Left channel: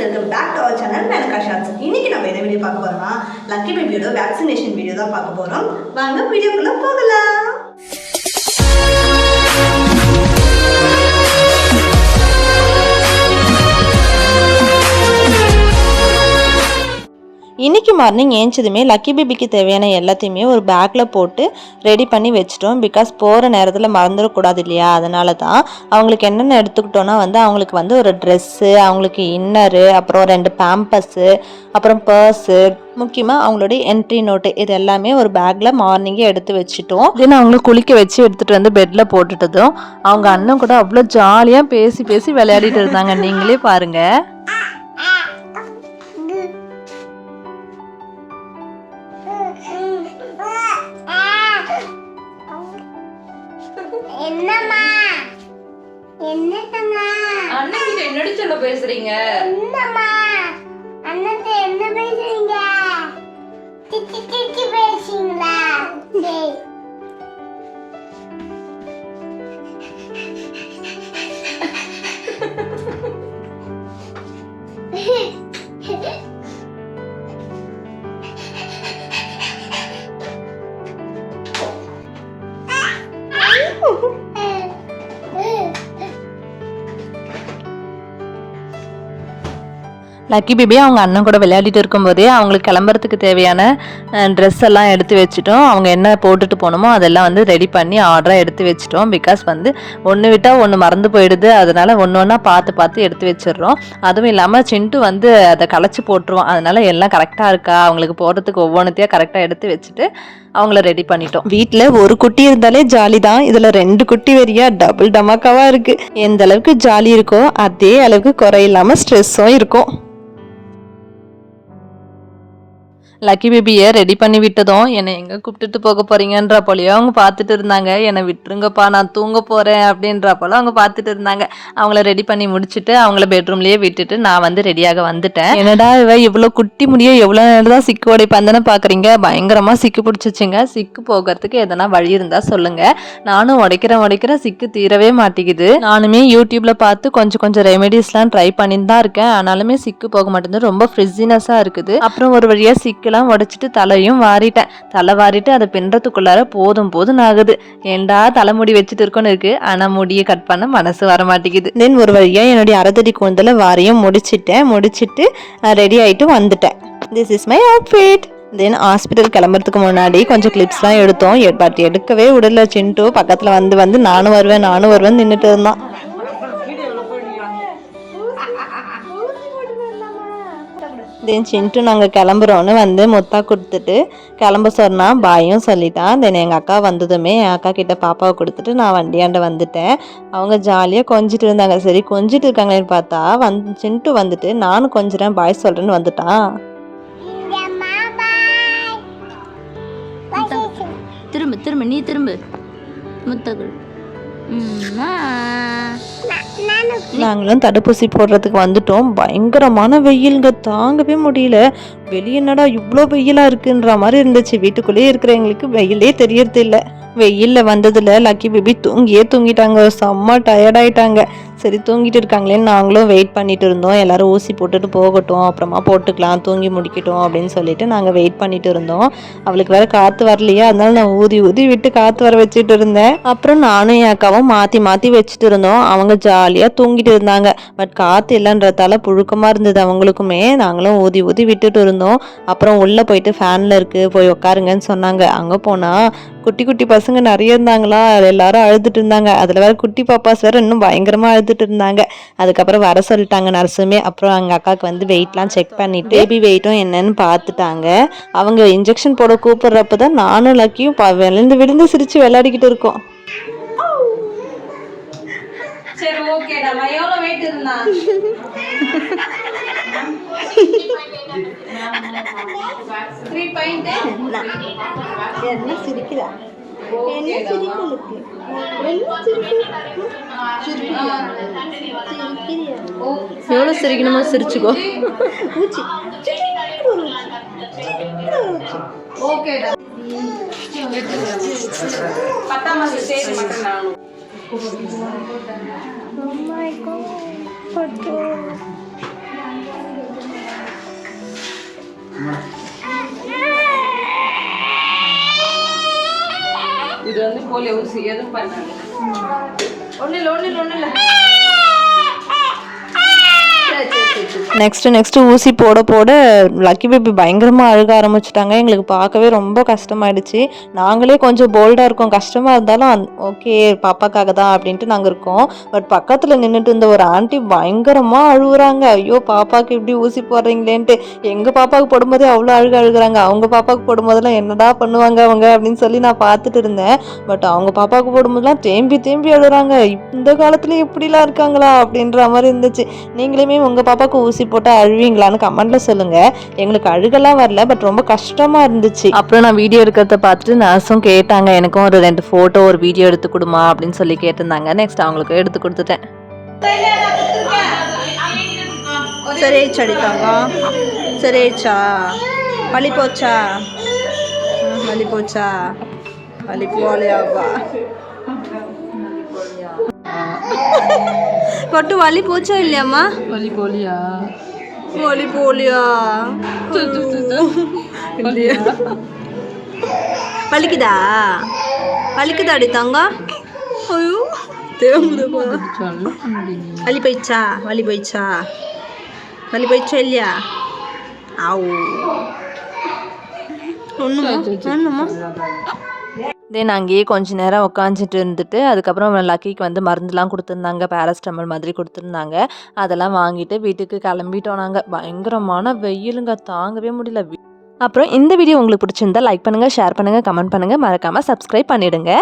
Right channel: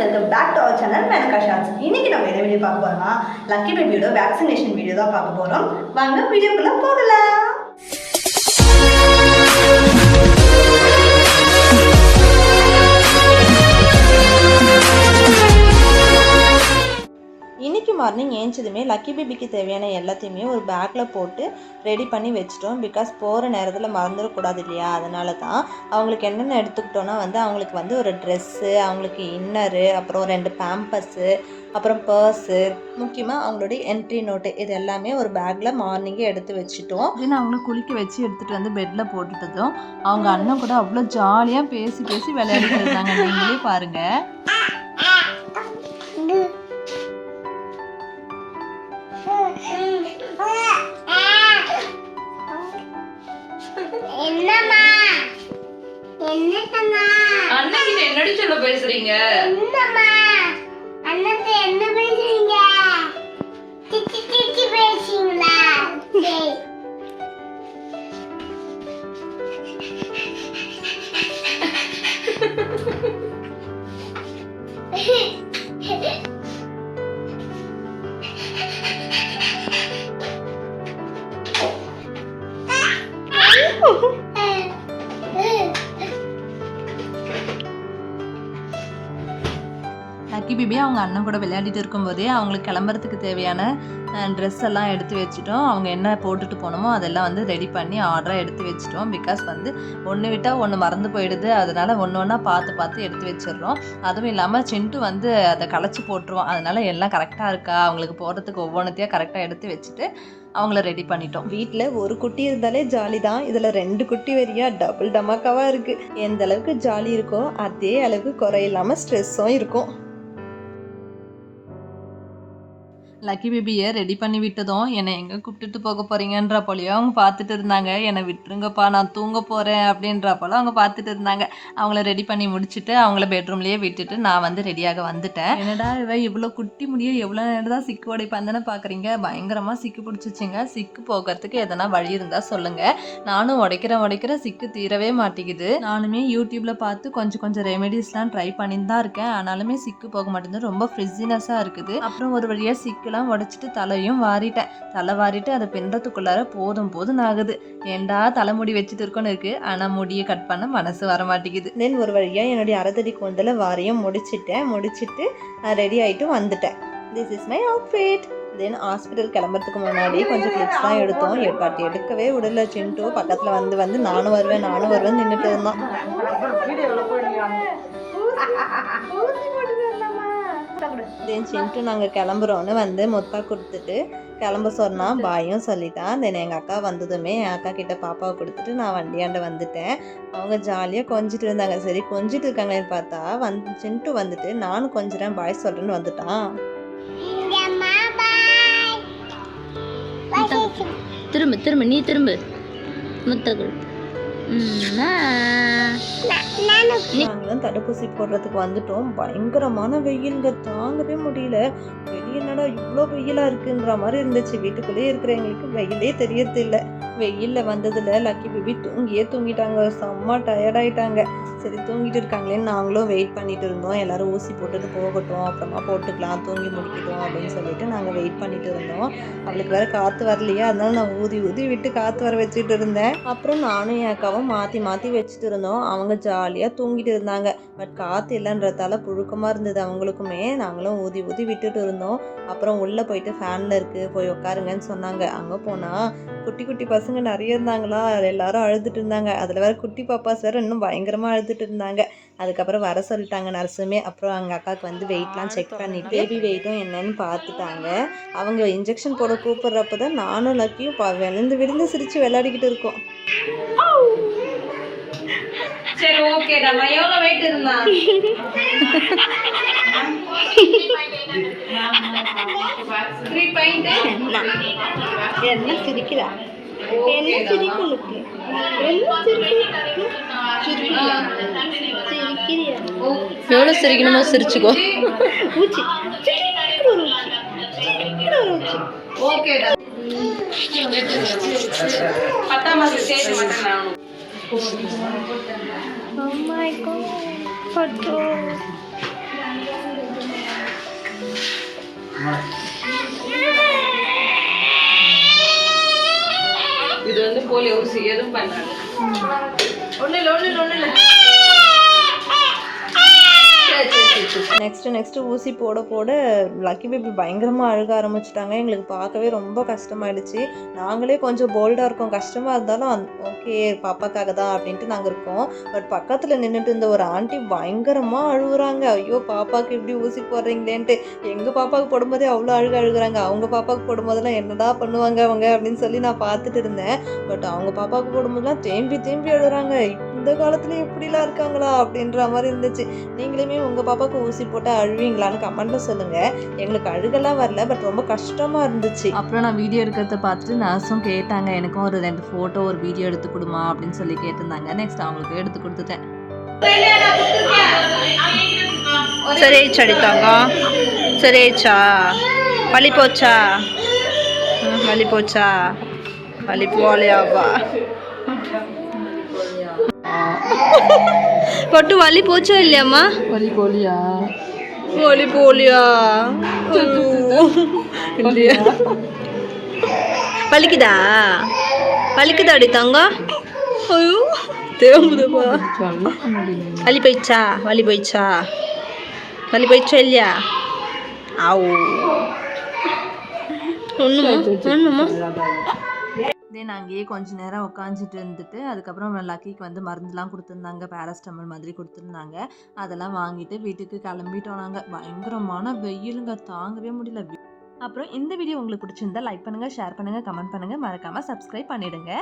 Welcome back to our channel Menaka shorts. இன்னைக்கு நம்ம என்ன வீடியோ பார்க்க போறோம்னா லக்கி பேபியோட வேக்சினேஷன் வீடியோ தான் பார்க்க போறோம். வாங்க வீடியோக்குள்ள போகலாம். இன்றைக்கி மார்னிங் ஏஞ்சதுமே லக்கி பேபிக்கு தேவையான எல்லாத்தையுமே ஒரு பேக்கில் போட்டு ரெடி பண்ணி வச்சிட்டோம். பிகாஸ் போகிற நேரத்தில் மறந்துடக்கூடாது இல்லையா, அதனால தான். அவங்களுக்கு என்னென்ன எடுத்துக்கிட்டோன்னா அவங்களுக்கு ஒரு ட்ரெஸ்ஸு, அவங்களுக்கு இன்னரு, அப்புறம் 2 பேம்பஸ்ஸு, அப்புறம் பர்ஸு, முக்கியமாக அவங்களுடைய என்ட்ரி நோட்டு, இது எல்லாமே ஒரு பேக்கில் மார்னிங்கே எடுத்து வச்சுட்டோம். தென் அவங்கள குளிக்க வச்சு எடுத்துகிட்டு வந்து பெட்டில் போட்டுட்டதும் அவங்க அண்ணன் கூட அவ்வளோ ஜாலியாக பேசி விளையாடிட்டு இருந்தாங்க. நீங்களே பாருங்கள். என்னடி சொல்ல பேசுறீங்க? என்ன பேசுறீங்க? திட்டி பேசுறீங்களா? லக்கி பேபி அவங்க அண்ணன் கூட விளையாடிட்டு இருக்கும்போதே அவங்களுக்கு கிளம்புறதுக்கு தேவையான ட்ரெஸ் எல்லாம் எடுத்து வச்சுட்டோம். அவங்க என்ன போட்டுட்டு போகணுமோ அதெல்லாம் ரெடி பண்ணி ஆர்டராக எடுத்து வச்சுட்டோம். பிகாஸ் ஒன்று விட்டால் ஒன்று மறந்து போயிடுது, அதனால ஒன்று ஒன்றா பார்த்து எடுத்து வச்சிடுறோம். அதுவும் இல்லாமல் சிண்டு அதை களைச்சி போட்டுருவோம். அதனால எல்லாம் கரெக்டாக இருக்கா, அவங்களுக்கு போடுறதுக்கு ஒவ்வொன்றுத்தையும் கரெக்டாக எடுத்து வச்சுட்டு அவங்கள ரெடி பண்ணிட்டோம். வீட்டில் ஒரு குட்டி இருந்தாலே ஜாலி தான், இதில் 2 குட்டி வரியா டபுள் டமாக்காவாக இருக்குது. எந்த அளவுக்கு ஜாலி இருக்கோ அதே அளவுக்கு குறையில்லாமல் ஸ்ட்ரெஸ்ஸும் இருக்கும். லக்கி பேபியை ரெடி பண்ணி விட்டதும் என்னை எங்கே கூப்பிட்டுட்டு போக போகிறீங்கன்ற போலையோ அவங்க பார்த்துட்டு இருந்தாங்க. என்னை விட்டுருங்கப்பா, நான் தூங்க போகிறேன் அப்படின்ற போல அவங்க பார்த்துட்டு இருந்தாங்க. அவங்கள ரெடி பண்ணி முடிச்சுட்டு அவங்கள பெட்ரூம்லேயே விட்டுட்டு நான் ரெடியாக வந்துட்டேன். என்னடா இவ்வளோ குட்டி முடிய எவ்வளோ நேரம் தான் சிக்கு உடைப்பாந்தன்னு பார்க்குறீங்க. பயங்கரமாக சிக்கு பிடிச்சிச்சுங்க. சிக்கு போகிறதுக்கு எதனா வழி இருந்தால் சொல்லுங்கள். நானும் உடைக்கிறேன், சிக்கு தீரவே மாட்டேங்குது. நானுமே யூடியூப்பில் பார்த்து கொஞ்சம் ரெமெடிஸ்லாம் ட்ரை பண்ணிட்டு தான் இருக்கேன். ஆனாலுமே சிக்கு போக மாட்டேங்குது, ரொம்ப ஃப்ரிட்ஜினஸாக இருக்குது. அப்புறம் ஒரு வழியாக சிக்கு உடைச்சிட்டு தலையும் வாரிட்டு அதை பின்றதுக்குள்ளார போதும் ஆகுது. ஏண்டா தலைமுடி வச்சுட்டு இருக்கோன்னு இருக்கு, ஆனா முடியை கட் பண்ண மனசு வர மாட்டேங்குது. தென் ஒரு வழியா என்னுடைய அரைத்தடி கூந்தல வாரியும் முடிச்சிட்டு ரெடி ஆயிட்டு வந்துட்டேன். This is my outfit. Then hospital கிளம்புறதுக்கு முன்னாடி கொஞ்சம் கிளிப்ஸ்லாம் எடுத்தோம். பட் எடுக்கவே விடல சிண்டு. பக்கத்துல வந்து நானும் வருவேன் நின்றுட்டு இருந்தான். தென் சிண்டு நாங்கள் கிளம்புறோன்னு முத்தா கொடுத்துட்டு கிளம்ப சொன்னால் பாயும் சொல்லிட்டான். தென் எங்கள் அக்கா வந்ததுமே என் அக்கா கிட்ட பாப்பாவை கொடுத்துட்டு நான் வண்டியாண்ட வந்துட்டேன். அவங்க ஜாலியாக கொஞ்சிட்டு இருந்தாங்க. சரி கொஞ்சிட்டு இருக்காங்களேன்னு பார்த்தா சிண்டு நானும் கொஞ்சிறேன் பாய் சொல்கிறேன்னு வந்துட்டான். திரும்ப நீ திரும்ப முத்தகுள். நாங்களும் தடுப்பூசி போடுறதுக்கு வந்துட்டோம். பயங்கரமான வெயிலுங்க, தாங்கவே முடியல. வெளியே என்னடா இவ்வளோ வெயிலாக இருக்குன்ற மாதிரி இருந்துச்சு. வீட்டுக்குள்ளேயே இருக்கிறவங்களுக்கு வெயிலே தெரியறது இல்லை. வெயிலில் வந்ததில் லக்கி பேபி தூங்கிட்டாங்க. செம்ம டயர்டாயிட்டாங்க. சரி தூங்கிட்டு இருக்காங்களேன்னு நாங்களும் வெயிட் பண்ணிட்டு இருந்தோம். எல்லாரும் ஊசி போட்டுட்டு போகட்டும், அப்புறமா போட்டுக்கலாம், தூங்கி முடிக்கட்டும் அப்படின்னு சொல்லிட்டு நாங்கள் வெயிட் பண்ணிட்டு இருந்தோம். அவளுக்கு வேற காற்று வரலையா, அதனால நான் ஊதி விட்டு காற்று வர வச்சுட்டு இருந்தேன். அப்புறம் நானும் என் அக்காவும் மாற்றி வச்சுட்டு இருந்தோம். அவங்க ஜாலியாக தூங்கிட்டு இருந்தாங்க. பட் காற்று இல்லைன்றதால புழுக்கமாக இருந்தது அவங்களுக்குமே. நாங்களும் ஊதி விட்டுட்டு இருந்தோம். அப்புறம் உள்ளே போயிட்டு ஃபேனில் இருக்குது போய் உட்காருங்கன்னு சொன்னாங்க. அங்கே போனால் குட்டி பசங்க நிறைய இருந்தாங்களா, எல்லாரும் அழுதுட்டு இருந்தாங்க. அதில் வேற குட்டி பாப்பாஸ் வேற இன்னும் பயங்கரமாக அழுதுட்டு இருந்தாங்க. அதுக்கப்புறம் வர சொல்லிட்டாங்க நர்ஸுமே. அப்புறம் எங்கள் அக்காவுக்கு வெயிட்லாம் செக் பண்ணிட்டு பேபி வெயிட்டும் என்னன்னு பார்த்துட்டாங்க. அவங்க இன்ஜெக்ஷன் போட கூப்பிடுறப்ப தான் நானும் லக்கியும் விழுந்து சிரிச்சு விளையாடிக்கிட்டு இருக்கோம். சரி ஓகே, நம்ம எவ்வளவு வெயிட் இருந்தா? என்ன சிரிக்கிறா? எவ்வளோ சிரிக்கணுமோ சிரிச்சுக்கோ. ஓகேடா. 10ஆம் மாசம் சேர மாட்டேன். Oh my god, photo. இது வந்து போலியோ ஊசி எதுவும் பண்ணாது. ஒன்றும் இல்லை. நெக்ஸ்ட்டு ஊசி போட லக்கி பேபி பயங்கரமாக அழுக ஆரம்பிச்சிட்டாங்க. எங்களுக்கு பார்க்கவே ரொம்ப கஷ்டமாயிடுச்சு. நாங்களே கொஞ்சம் போல்டாக இருக்கோம், கஷ்டமாக இருந்தாலும் ஓகே பாப்பாக்காக தான் அப்படின்ட்டு நாங்கள் இருக்கோம். பட் பக்கத்தில் நின்றுட்டு இருந்த ஒரு ஆண்டி பயங்கரமாக அழுகுறாங்க. ஐயோ பாப்பாவுக்கு இப்படி ஊசி போடுறீங்களேன்ட்டு. எங்கள் பாப்பாவுக்கு போடும்போதே அவ்வளோ அழுகுறாங்க. அவங்க பாப்பாவுக்கு போடும்போதெல்லாம் என்னடா பண்ணுவாங்க அவங்க அப்படின்னு சொல்லி நான் பார்த்துட்டு இருந்தேன். பட் அவங்க பாப்பாவுக்கு போடும்போதெல்லாம் தேம்பி அழுகுறாங்க. இந்த காலத்துலேயும் இப்படிலாம் இருக்காங்களா அப்படின்ற மாதிரி இருந்துச்சு. நீங்களுமே உங்கள் பாப்பாவுக்கு ஊசி போட்டு அழுவீங்களான்னு கமெண்ட்டில் சொல்லுங்கள். எங்களுக்கு அழுகெல்லாம் வரல, பட் ரொம்ப கஷ்டமாக இருந்துச்சு. அப்புறம் நான் வீடியோ எடுக்கிறத பார்த்துட்டு நர்ஸும் கேட்டாங்க, எனக்கும் ஒரு 2 ஃபோட்டோ ஒரு வீடியோ எடுத்து கொடுமா அப்படின்னு சொல்லி கேட்டிருந்தாங்க. நெக்ஸ்ட் அவங்களுக்கு எடுத்து கொடுத்துட்டேன். சரியாயிடுச்சு அடித்தாங்க. சரியாயிடுச்சா? வலி போச்சா? வலி போகலையாவா? பட்டு வலி போச்சா இல்லையாம்மா? வலி போலியா? இல்லையா? வலிக்குதா அடித்தாங்க? ஐயோ தேம்புதுப்பா. வலி போயிடுச்சா இல்லையா? ஆவோ ஒன்றுமா தென் அங்கேயே கொஞ்ச நேரம் உட்காந்துட்டு இருந்துட்டு அதுக்கப்புறம் லக்கிக்கு வந்து மருந்துலாம் கொடுத்துருந்தாங்க, பேராசிட்டமால் மாதிரி கொடுத்துருந்தாங்க. அதெல்லாம் வாங்கிட்டு வீட்டுக்கு கிளம்பிட்டோம். நாங்கள் பயங்கரமான வெயிலுங்க, தாங்கவே முடியல. அப்புறம் இந்த வீடியோ உங்களுக்கு பிடிச்சிருந்தா லைக் பண்ணுங்கள், ஷேர் பண்ணுங்கள், கமெண்ட் பண்ணுங்கள், மறக்காமல் சப்ஸ்கிரைப் பண்ணிவிடுங்க.